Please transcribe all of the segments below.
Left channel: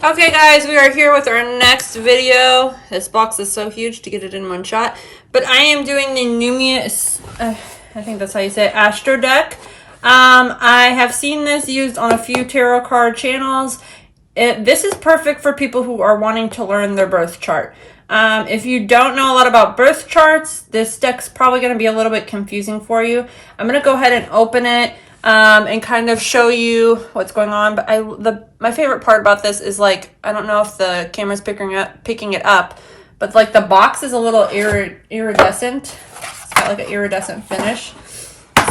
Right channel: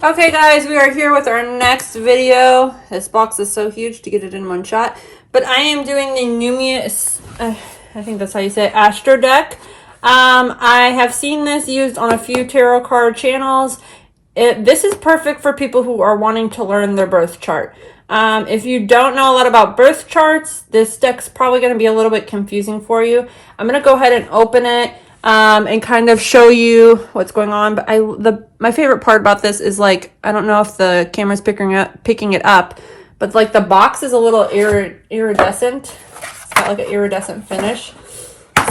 Okay guys, we are here with our next video. This box is so huge to get it in one shot. But I am doing the Numinous, I think that's how you say it, Astro deck. I have seen this used on a few tarot card channels. This is perfect for people who are wanting to learn their birth chart. If you don't know a lot about birth charts, this deck's probably going to be a little bit confusing for you. I'm going to go ahead and open it and kind of show you what's going on. But my favorite part about this is, like, I don't know if the camera's picking it up, but like the box is a little iridescent. It's got like an iridescent finish.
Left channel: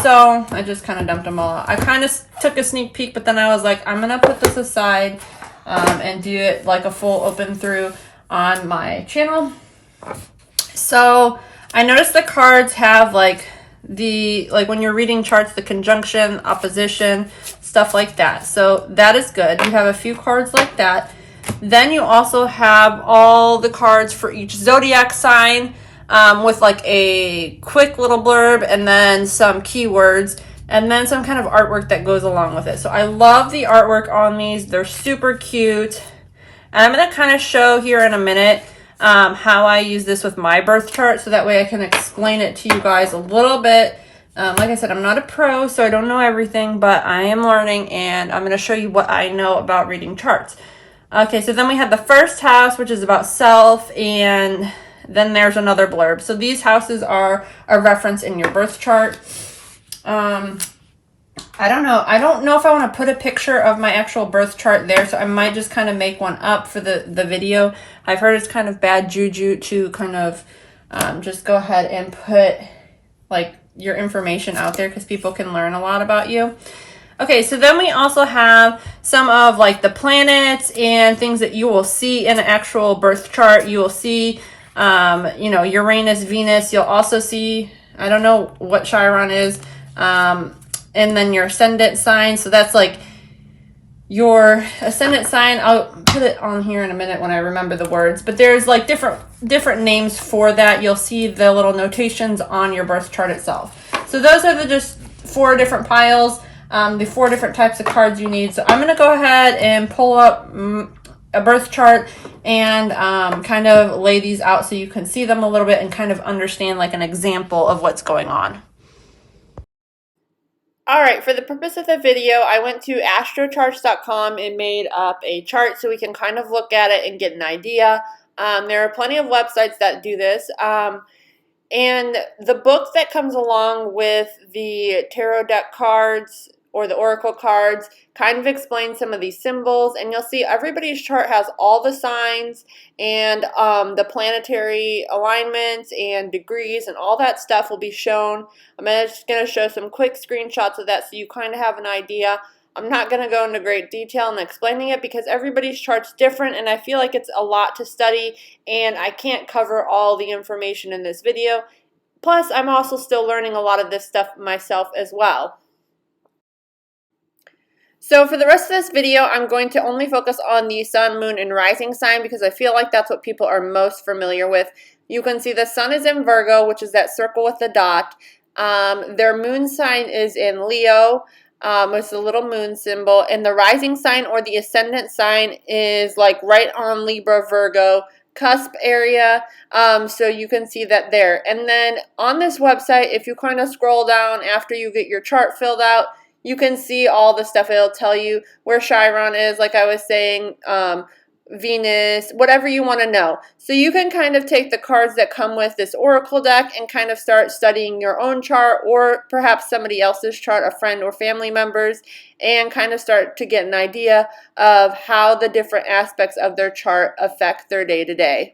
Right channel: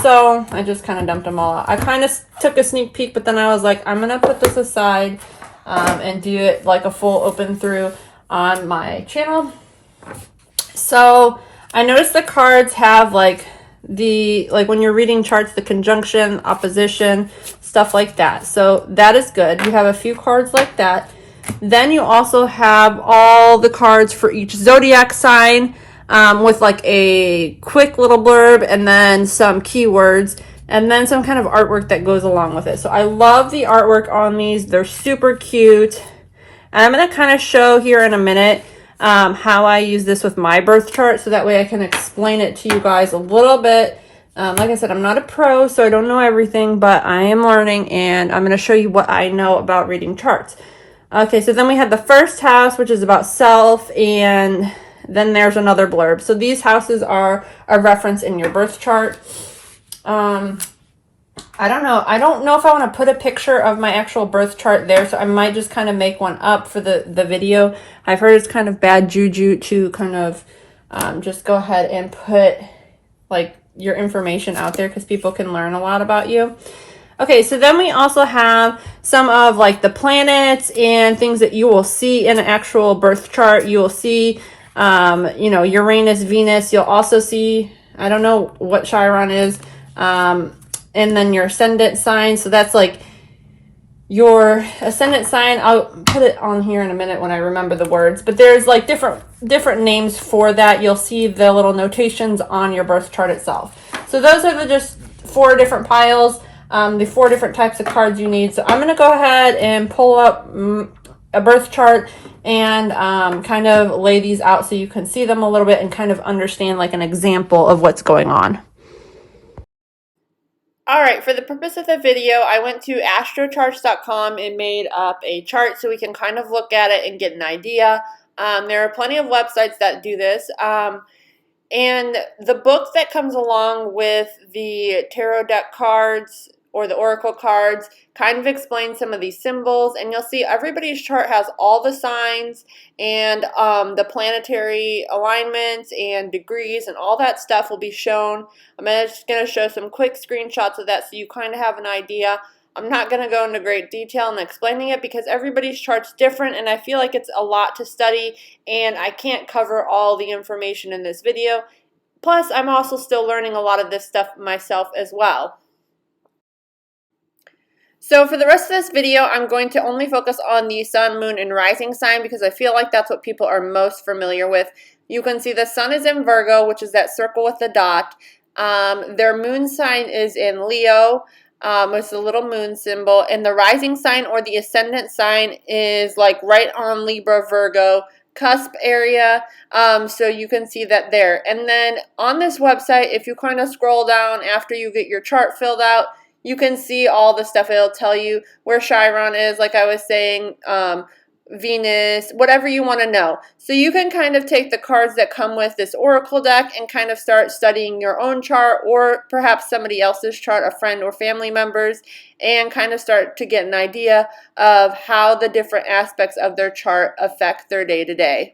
So I just kind of dumped them all out. I kind of took a sneak peek, but then I was like, I'm gonna put this aside and do it like a full open through on my channel. So I noticed the cards have like when you're reading charts, the conjunction, opposition, stuff like that. So that is good. You have a few cards like that. Then you also have all the cards for each zodiac sign with like a quick little blurb and then some keywords and then some kind of artwork that goes along with it. So I love the artwork on these. They're super cute. And I'm going to kind of show here in a minute how I use this with my birth chart, so that way I can explain it to you guys a little bit. Like I said, I'm not a pro, so I don't know everything, but I am learning, and I'm going to show you what I know about reading charts. Okay, so then we have the first house, which is about self, and then there's another blurb. So these houses are a reference in your birth chart. I don't know. I don't know if I want to put a picture of my actual birth chart there, so I might just kind of make one up for the video. I've heard it's kind of bad juju to kind of just go ahead and put like your information out there, because people can learn a lot about you. Okay, so then we also have some of like the planets and things that you will see in an actual birth chart. You will see, Uranus, Venus. You'll also see, I don't know what Chiron is, and then your ascendant sign. So that's like your ascendant sign. I'll put it on here in a minute when I remember the words, but there's like different names for that. You'll see the little notations on your birth chart itself. So those are just 4 different piles, the 4 different types of cards you need. So I'm going to go ahead and pull up a birth chart and kind of lay these out so you can see them a little bit and kind of understand like an example of what's going on. Alright, for the purpose of the video, I went to astrocharts.com and made up a chart so we can kind of look at it and get an idea. There are plenty of websites that do this. And the book that comes along with the tarot deck cards or the oracle cards kind of explains some of these symbols, and you'll see everybody's chart has all the signs and the planetary alignments and degrees and all that stuff will be shown. I'm just going to show some quick screenshots of that so you kind of have an idea. I'm not going to go into great detail in explaining it because everybody's chart's different, and I feel like it's a lot to study and I can't cover all the information in this video. Plus, I'm also still learning a lot of this stuff myself as well. So for the rest of this video, I'm going to only focus on the sun, moon, and rising sign because I feel like that's what people are most familiar with. You can see the sun is in Virgo, which is that circle with the dot. Their moon sign is in Leo, which is a little moon symbol. And the rising sign or the ascendant sign is like right on Libra, Virgo, cusp area, so you can see that there. And then on this website, if you kind of scroll down after you get your chart filled out, you can see all the stuff. It'll tell you where Chiron is, like I was saying, Venus, whatever you want to know. So you can kind of take the cards that come with this oracle deck and kind of start studying your own chart or perhaps somebody else's chart, a friend or family members, and kind of start to get an idea of how the different aspects of their chart affect their day-to-day.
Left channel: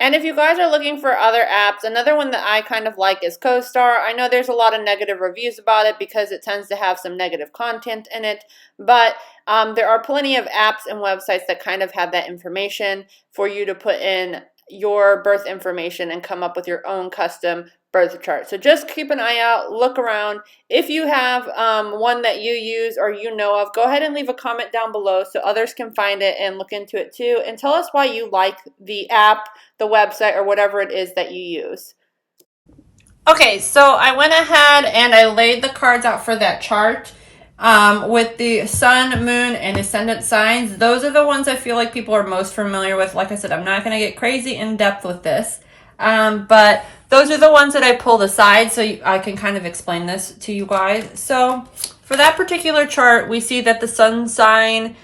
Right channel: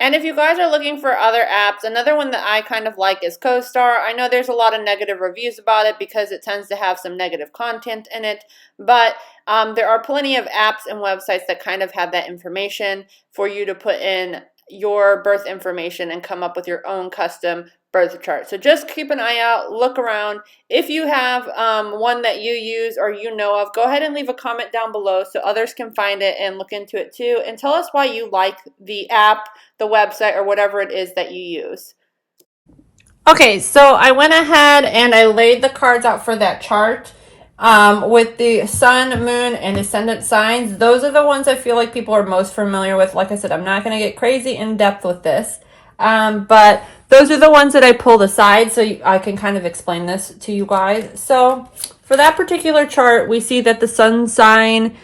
And if you guys are looking for other apps, another one that I kind of like is CoStar. I know there's a lot of negative reviews about it because it tends to have some negative content in it, but there are plenty of apps and websites that kind of have that information for you to put in your birth information and come up with your own custom birth chart. So just keep an eye out, look around. If you have one that you use or you know of, go ahead and leave a comment down below so others can find it and look into it too, and tell us why you like the app, the website, or whatever it is that you use. Okay, so I went ahead and I laid the cards out for that chart. with the sun, moon, and ascendant signs. Those are the ones I feel like people are most familiar with. Like I said, I'm not going to get crazy in depth with this. But those are the ones that I pulled aside so I can kind of explain this to you guys. So for that particular chart, we see that the sun sign,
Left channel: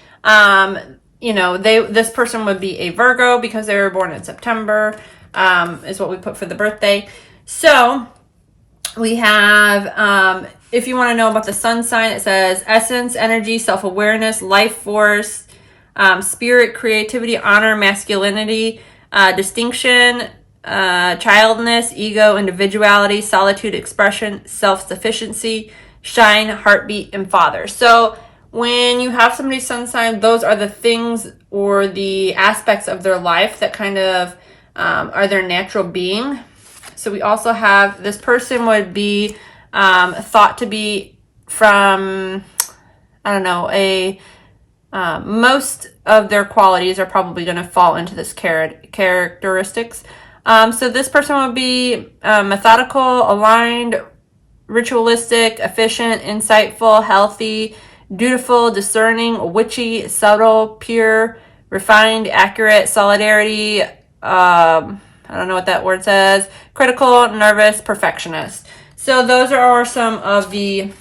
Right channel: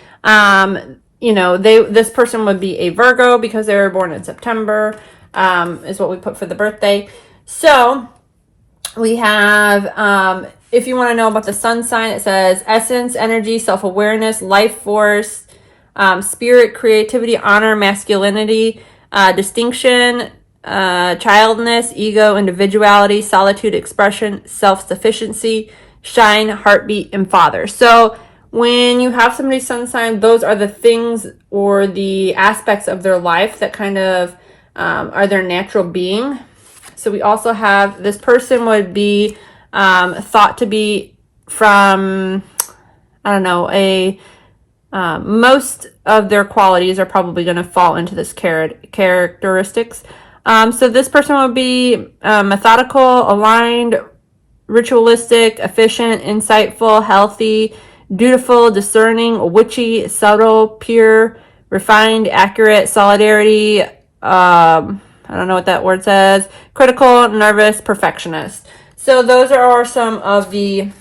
this person would be a Virgo because they were born in September, is what we put for the birthday. So we have, if you want to know about the sun sign, it says essence, energy, self-awareness, life force, spirit, creativity, honor, masculinity, distinction, childness, ego, individuality, solitude, expression, self-sufficiency, shine, heartbeat, and father. So when you have somebody's sun sign, those are the things or the aspects of their life that kind of are their natural being. So we also have, this person would be thought to be from, I don't know, most of their qualities are probably going to fall into this characteristics. So this person would be methodical, aligned, ritualistic, efficient, insightful, healthy, dutiful, discerning, witchy, subtle, pure, refined, accurate, solidarity, I don't know what that word says, critical, nervous, perfectionist. So those are some of the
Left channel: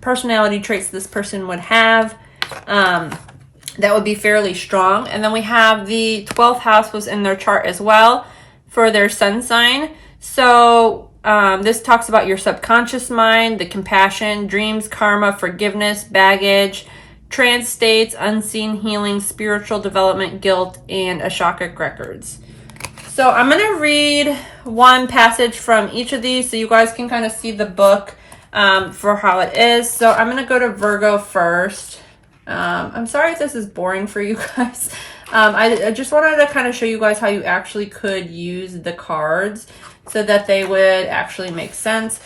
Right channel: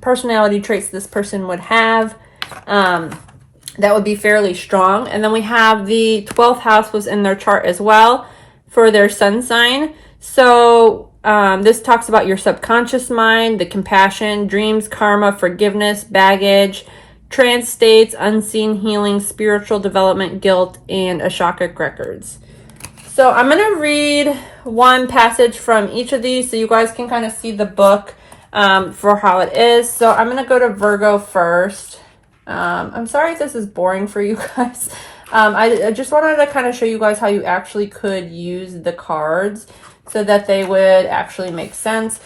personality traits this person would have. That would be fairly strong. And then we have the 12th house was in their chart as well for their sun sign. So this talks about your subconscious mind, the compassion, dreams, karma, forgiveness, baggage, trance states, unseen healing, spiritual development, guilt, and Akashic records. So I'm going to read one passage from each of these so you guys can kind of see the book for how it is. So I'm going to go to Virgo first. I'm sorry if this is boring for you guys. I just wanted to kind of show you guys how you actually could use the cards so that they would actually make sense.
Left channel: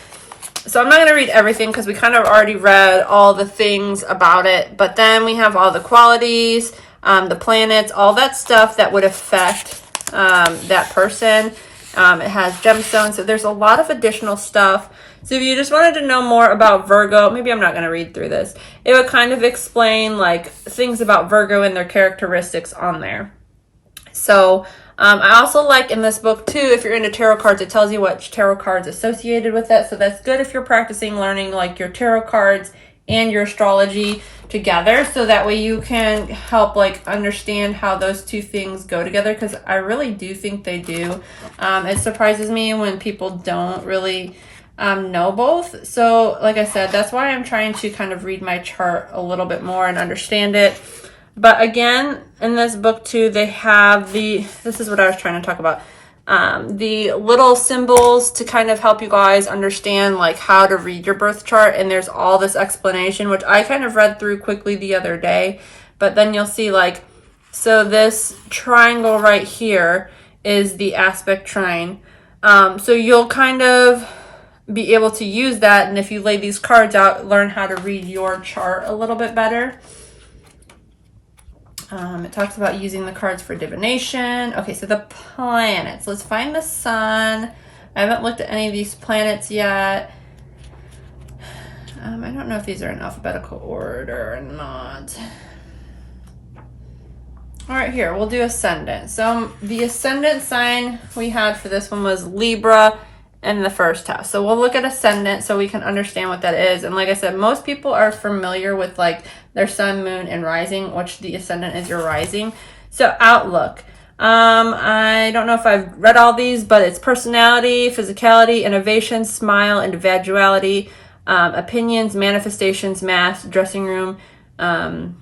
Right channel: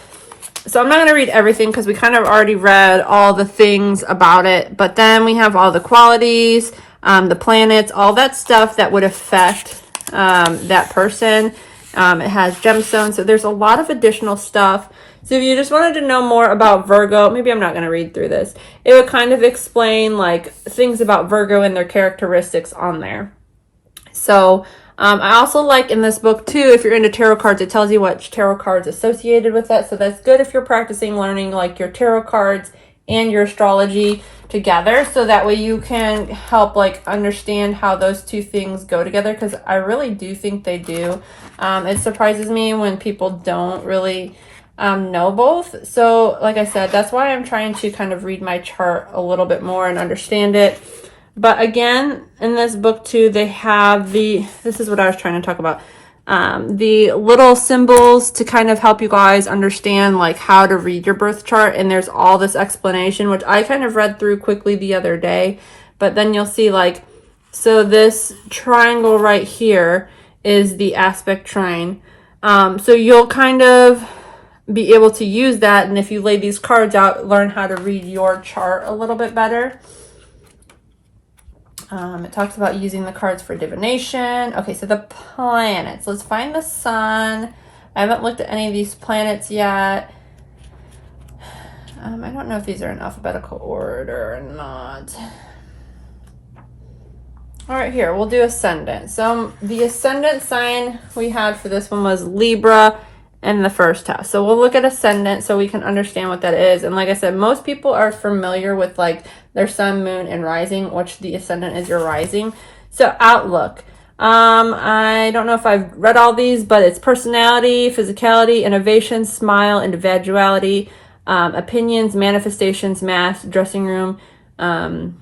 So I'm not going to read everything because we kind of already read all the things about it. But then we have all the qualities, the planets, all that stuff that would affect that person. It has gemstones. So there's a lot of additional stuff. So if you just wanted to know more about Virgo, maybe I'm not going to read through this. It would kind of explain like things about Virgo and their characteristics on there. So I also like in this book too, if you're into tarot cards, it tells you what tarot cards associated with it. So that's good if you're practicing learning like your tarot cards and your astrology together, so that way you can help like understand how those two things go together, because I really do think they do. It surprises me when people don't really know both. So like I said, that's why I'm trying to kind of read my chart a little bit more and understand it. But again, in this book too, they have this is what I was trying to talk about, the little symbols to kind of help you guys understand like how to read your birth chart. And there's all this explanation, which I kind of read through quickly the other day. But then you'll see like, so this triangle right here is the aspect trine. So you'll kind of be able to use that. And if you lay these cards out, learn how to read your chart a little bit better. It talks about using the cards for divination. Okay, so the planets. Let's find the sun. I haven't looked at any of these planets yet. I don't know if these are in alphabetical order or not. All right, here, we'll do ascendant. So the ascendant sign we had for this one was Libra in the first house. So we'll look at ascendant so we can understand what that is. And like I said, most people are familiar with like their sun, moon, and rising, which the ascendant is your rising. So outlook. I don't know if I've read all these, but it's personality, physicality, innovation, smile, individuality, opinions, manifestations, math, dressing room, and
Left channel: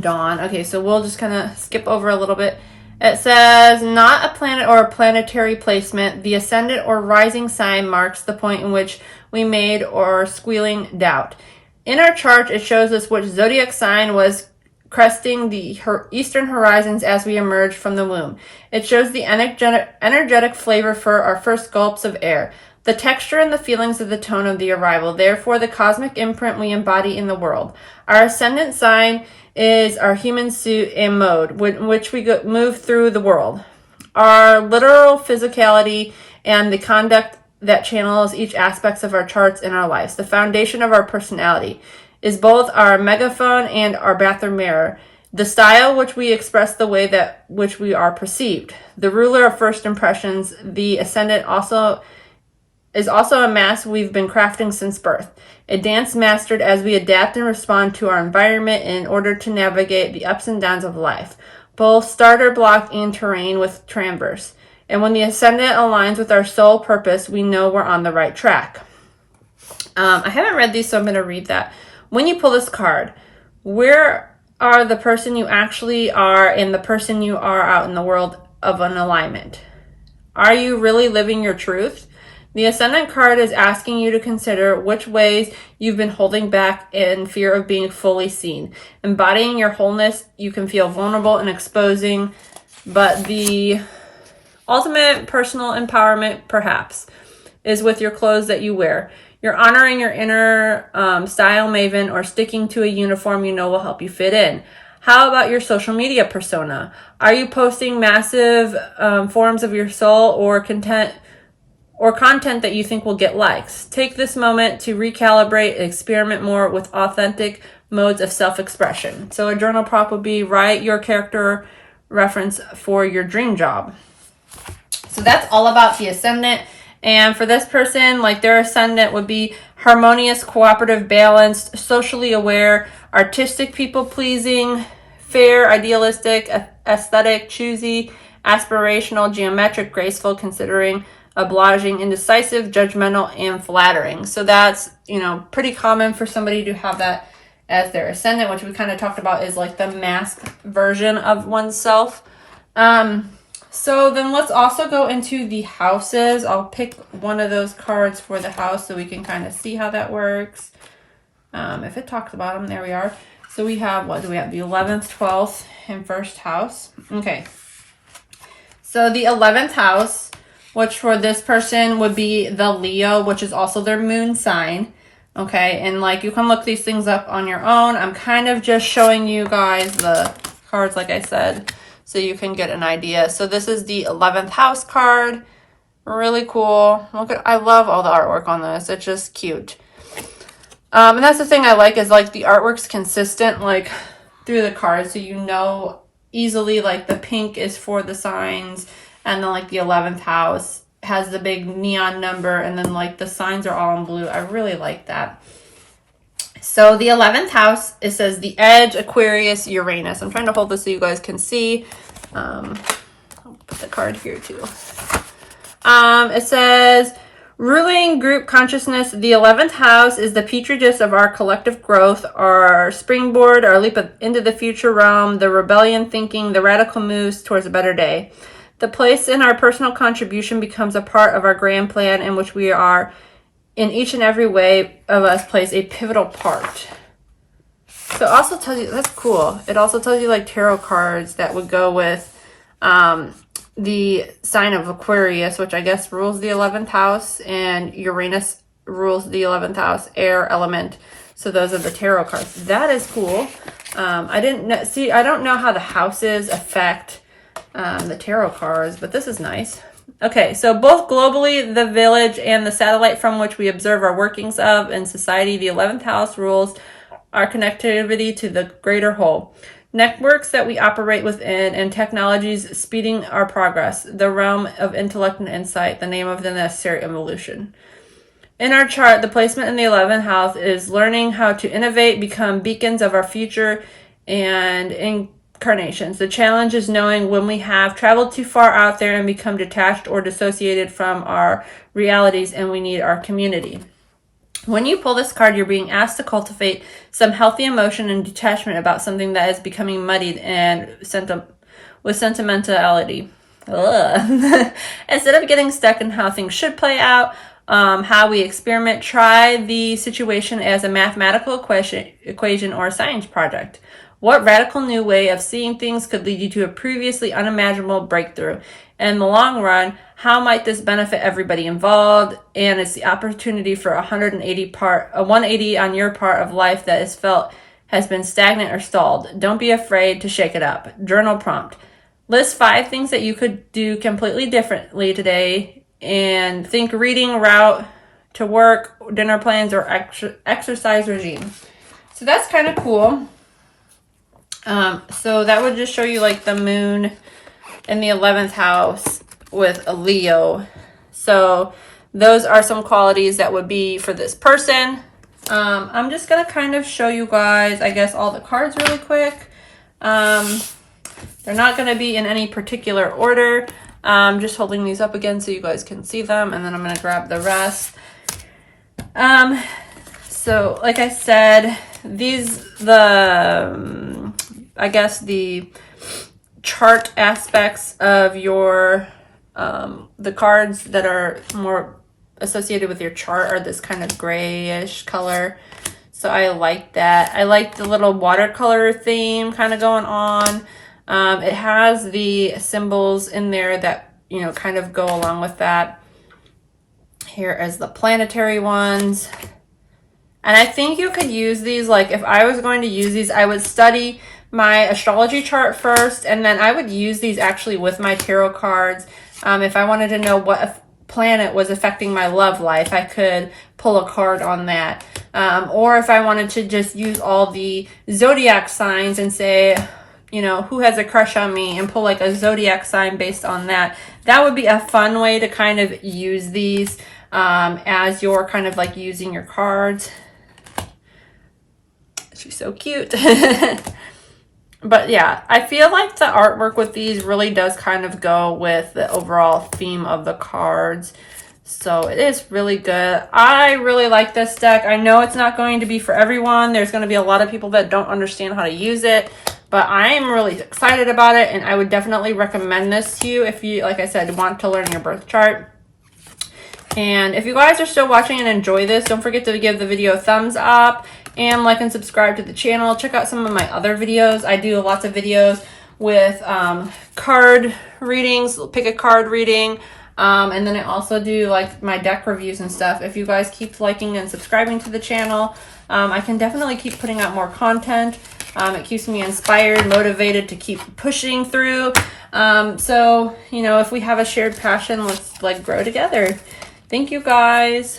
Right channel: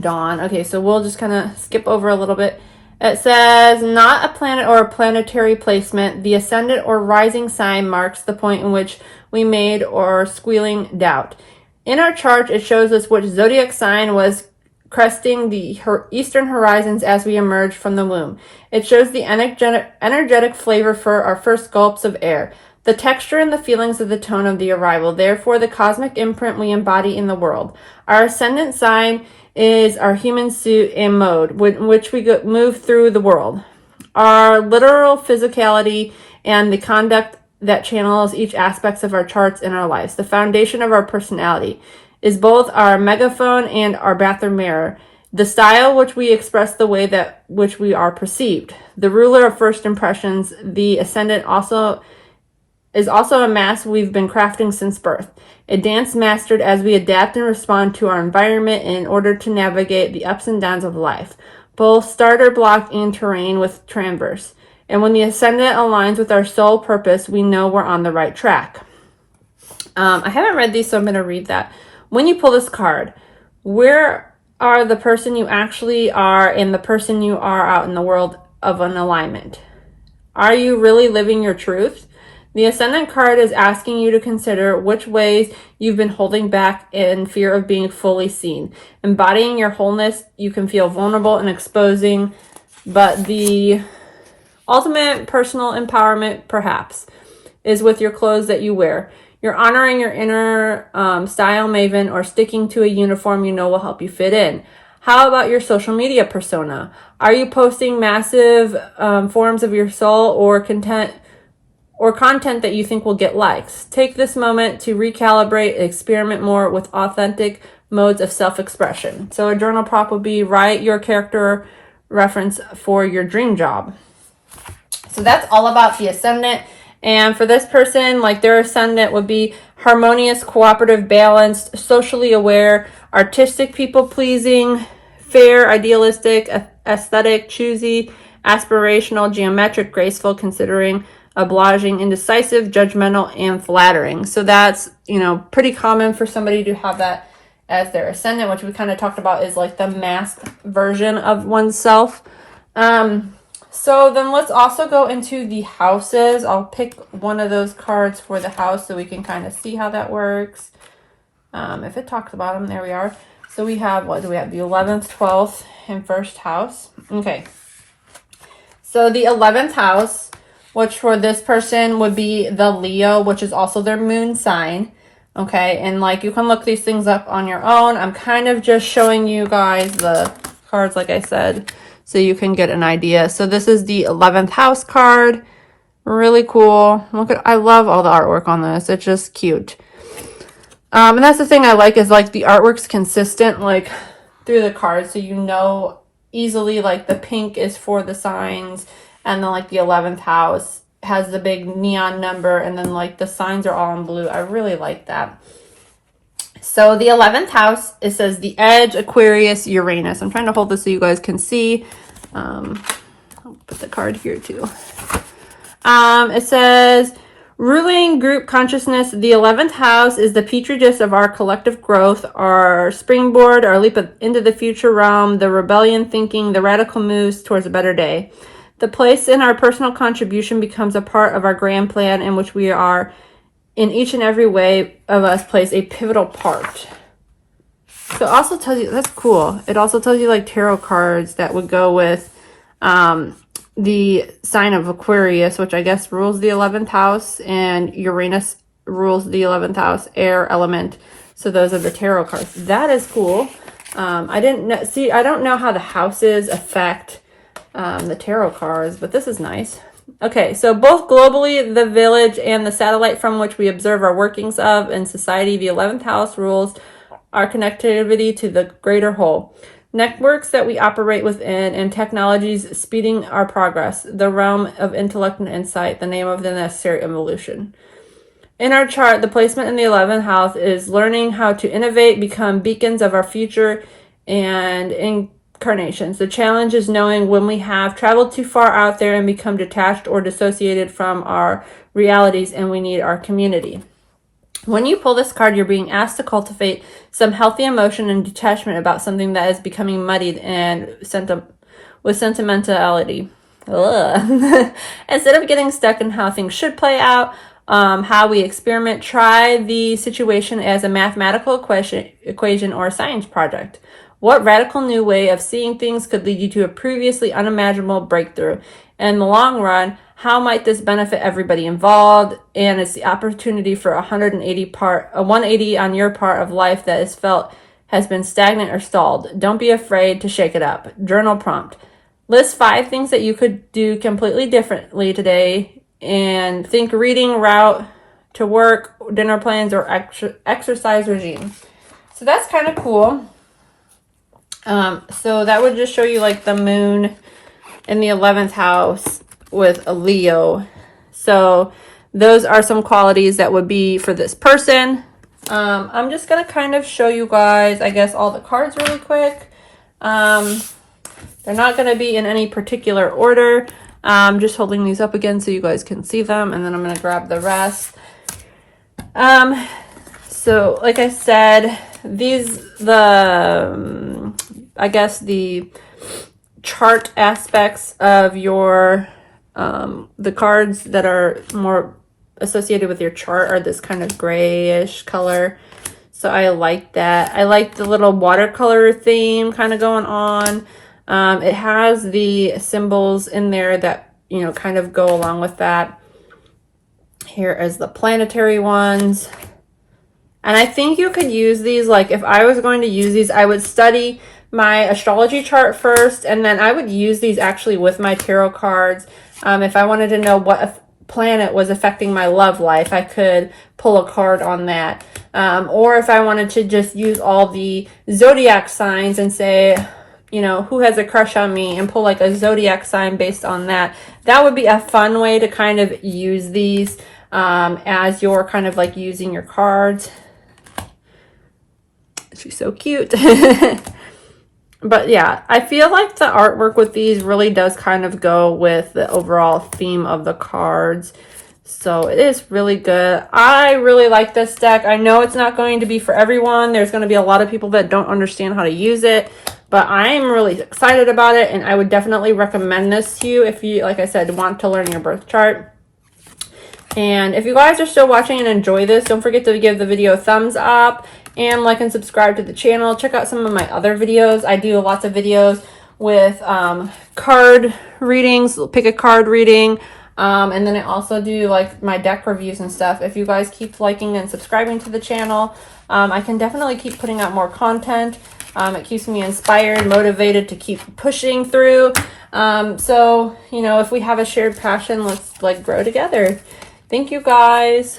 dawn. Okay, so we'll just kind of skip over a little bit. It says, not a planet or a planetary placement. The ascendant or rising sign marks the point in which we made or squealing doubt. In our chart, it shows us which zodiac sign was cresting the eastern horizons as we emerged from the womb. It shows the energetic flavor for our first gulps of air, the texture and the feelings of the tone of the arrival, therefore the cosmic imprint we embody in the world. Our ascendant sign is our human suit and mode in which we move through the world. Our literal physicality and the conduct that channels each aspect of our charts in our lives, the foundation of our personality. is both our megaphone and our bathroom mirror. The style which we express the way that which we are perceived. The ruler of first impressions, the ascendant is also a mask we've been crafting since birth. A dance mastered as we adapt and respond to our environment in order to navigate the ups and downs of life, both starter block and terrain with transverse. And when the ascendant aligns with our soul purpose, we know we're on the right track. I haven't read these, so I'm going to read that. When you pull this card, where are the person you actually are and the person you are out in the world of an alignment? Are you really living your truth? The Ascendant card is asking you to consider which ways you've been holding back in fear of being fully seen. Embodying your wholeness, you can feel vulnerable and exposing, but the ultimate personal empowerment, perhaps, is with your clothes that you wear. You're honoring your inner style maven or sticking to a uniform you know will help you fit in. How about your social media persona? Are you posting massive forms of your soul or content that you think will get likes? Take this moment to recalibrate, experiment more with authentic modes of self-expression. So a journal prop would be write your character reference for your dream job. So that's all about the Ascendant. And for this person, like their Ascendant would be harmonious, cooperative, balanced, socially aware, artistic, people-pleasing, fair, idealistic, aesthetic, choosy, aspirational, geometric, graceful, considering, obliging, indecisive, judgmental, and flattering. So that's, pretty common for somebody to have that as their Ascendant, which we kind of talked about is like the masked version of oneself. So then let's also go into the houses. I'll pick one of those cards for the house so we can kind of see how that works. If it talks about them, there we are. So we have, what do we have? The 11th, 12th, and 1st house. Okay. So the 11th house, which for this person would be the Leo, which is also their moon sign. Okay, and you can look these things up on your own. I'm kind of just showing you guys the cards, like I said, so you can get an idea. So this is the 11th house card. Really cool. I love all the artwork on this. It's just cute. And that's the thing I like is the artwork's consistent through the cards, so you know easily the pink is for the signs, and then the 11th house has the big neon number, and then the signs are all in blue. I really like that. So the 11th house, it says the Edge, Aquarius, Uranus. I'm trying to hold this so you guys can see. I'll put the card here too. It says ruling group consciousness. The 11th house is the petri dish of our collective growth, our springboard, our leap into the future realm, the rebellion thinking, the radical moves towards a better day. The place in our personal contribution becomes a part of our grand plan in which we are, in each and every way of us, plays a pivotal part. So it also tells you, that's cool. It also tells you tarot cards that would go with the sign of Aquarius, which I guess rules the 11th house, and Uranus rules the 11th house, air element. So those are the tarot cards. That is cool. I don't know how the houses affect the tarot cards, but this is nice. Okay, so both globally, the village and the satellite from which we observe our workings of in society, the 11th house rules our connectivity to the greater whole. Networks that we operate within and technologies speeding our progress, the realm of intellect and insight, the name of the necessary evolution. In our chart, the placement in the 11th house is learning how to innovate, become beacons of our future and incarnations. The challenge is knowing when we have traveled too far out there and become detached or dissociated from our realities, and we need our community. When you pull this card, you're being asked to cultivate some healthy emotion and detachment about something that is becoming muddied and with sentimentality. Instead of getting stuck in how things should play out, how we experiment, try the situation as a mathematical equation or a science project. What radical new way of seeing things could lead you to a previously unimaginable breakthrough? In the long run, how might this benefit everybody involved? And it's the opportunity for a 180 on your part of life that is felt has been stagnant or stalled. Don't be afraid to shake it up. Journal prompt. List 5 things that you could do completely differently today, and think reading, route to work, dinner plans, or exercise regime. So that's kind of cool. So that would just show you like the moon in the 11th house with a Leo. So those are some qualities that would be for this person. I'm just going to kind of show you guys, I guess, all the cards really quick. They're not going to be in any particular order. I'm just holding these up again so you guys can see them, and then I'm going to grab the rest. So like I said, I guess the chart aspects of your, the cards that are more associated with your chart are this kind of grayish color. So I like that. I like the little watercolor theme kind of going on. It has the symbols in there that, you know, kind of go along with that. Here is the planetary ones. And I think you could use these, like if I was going to use these, I would study my astrology chart first, and then I would use these actually with my tarot cards. If I wanted to know what planet was affecting my love life, I could pull a card on that. Or if I wanted to just use all the zodiac signs and say, you know, who has a crush on me, and pull like a zodiac sign based on that. That would be a fun way to kind of use these as you're kind of like using your cards. She's so cute. But yeah, I feel like the artwork with these really does kind of go with the overall theme of the cards. So it is really good. I really like this deck. I know it's not going to be for everyone. There's going to be a lot of people that don't understand how to use it. But I'm really excited about it, and I would definitely recommend this to you if you, like I said, want to learn your birth chart. And if you guys are still watching and enjoy this, don't forget to give the video a thumbs up and like and subscribe to the channel. Check out some of my other videos. I do lots of videos with card readings, pick a card reading, and then I also do like my deck reviews and stuff. If you guys keep liking and subscribing to the channel, I can definitely keep putting out more content. It keeps me inspired, motivated to keep pushing through. So, you know, if we have a shared passion, let's like grow together. Thank you guys.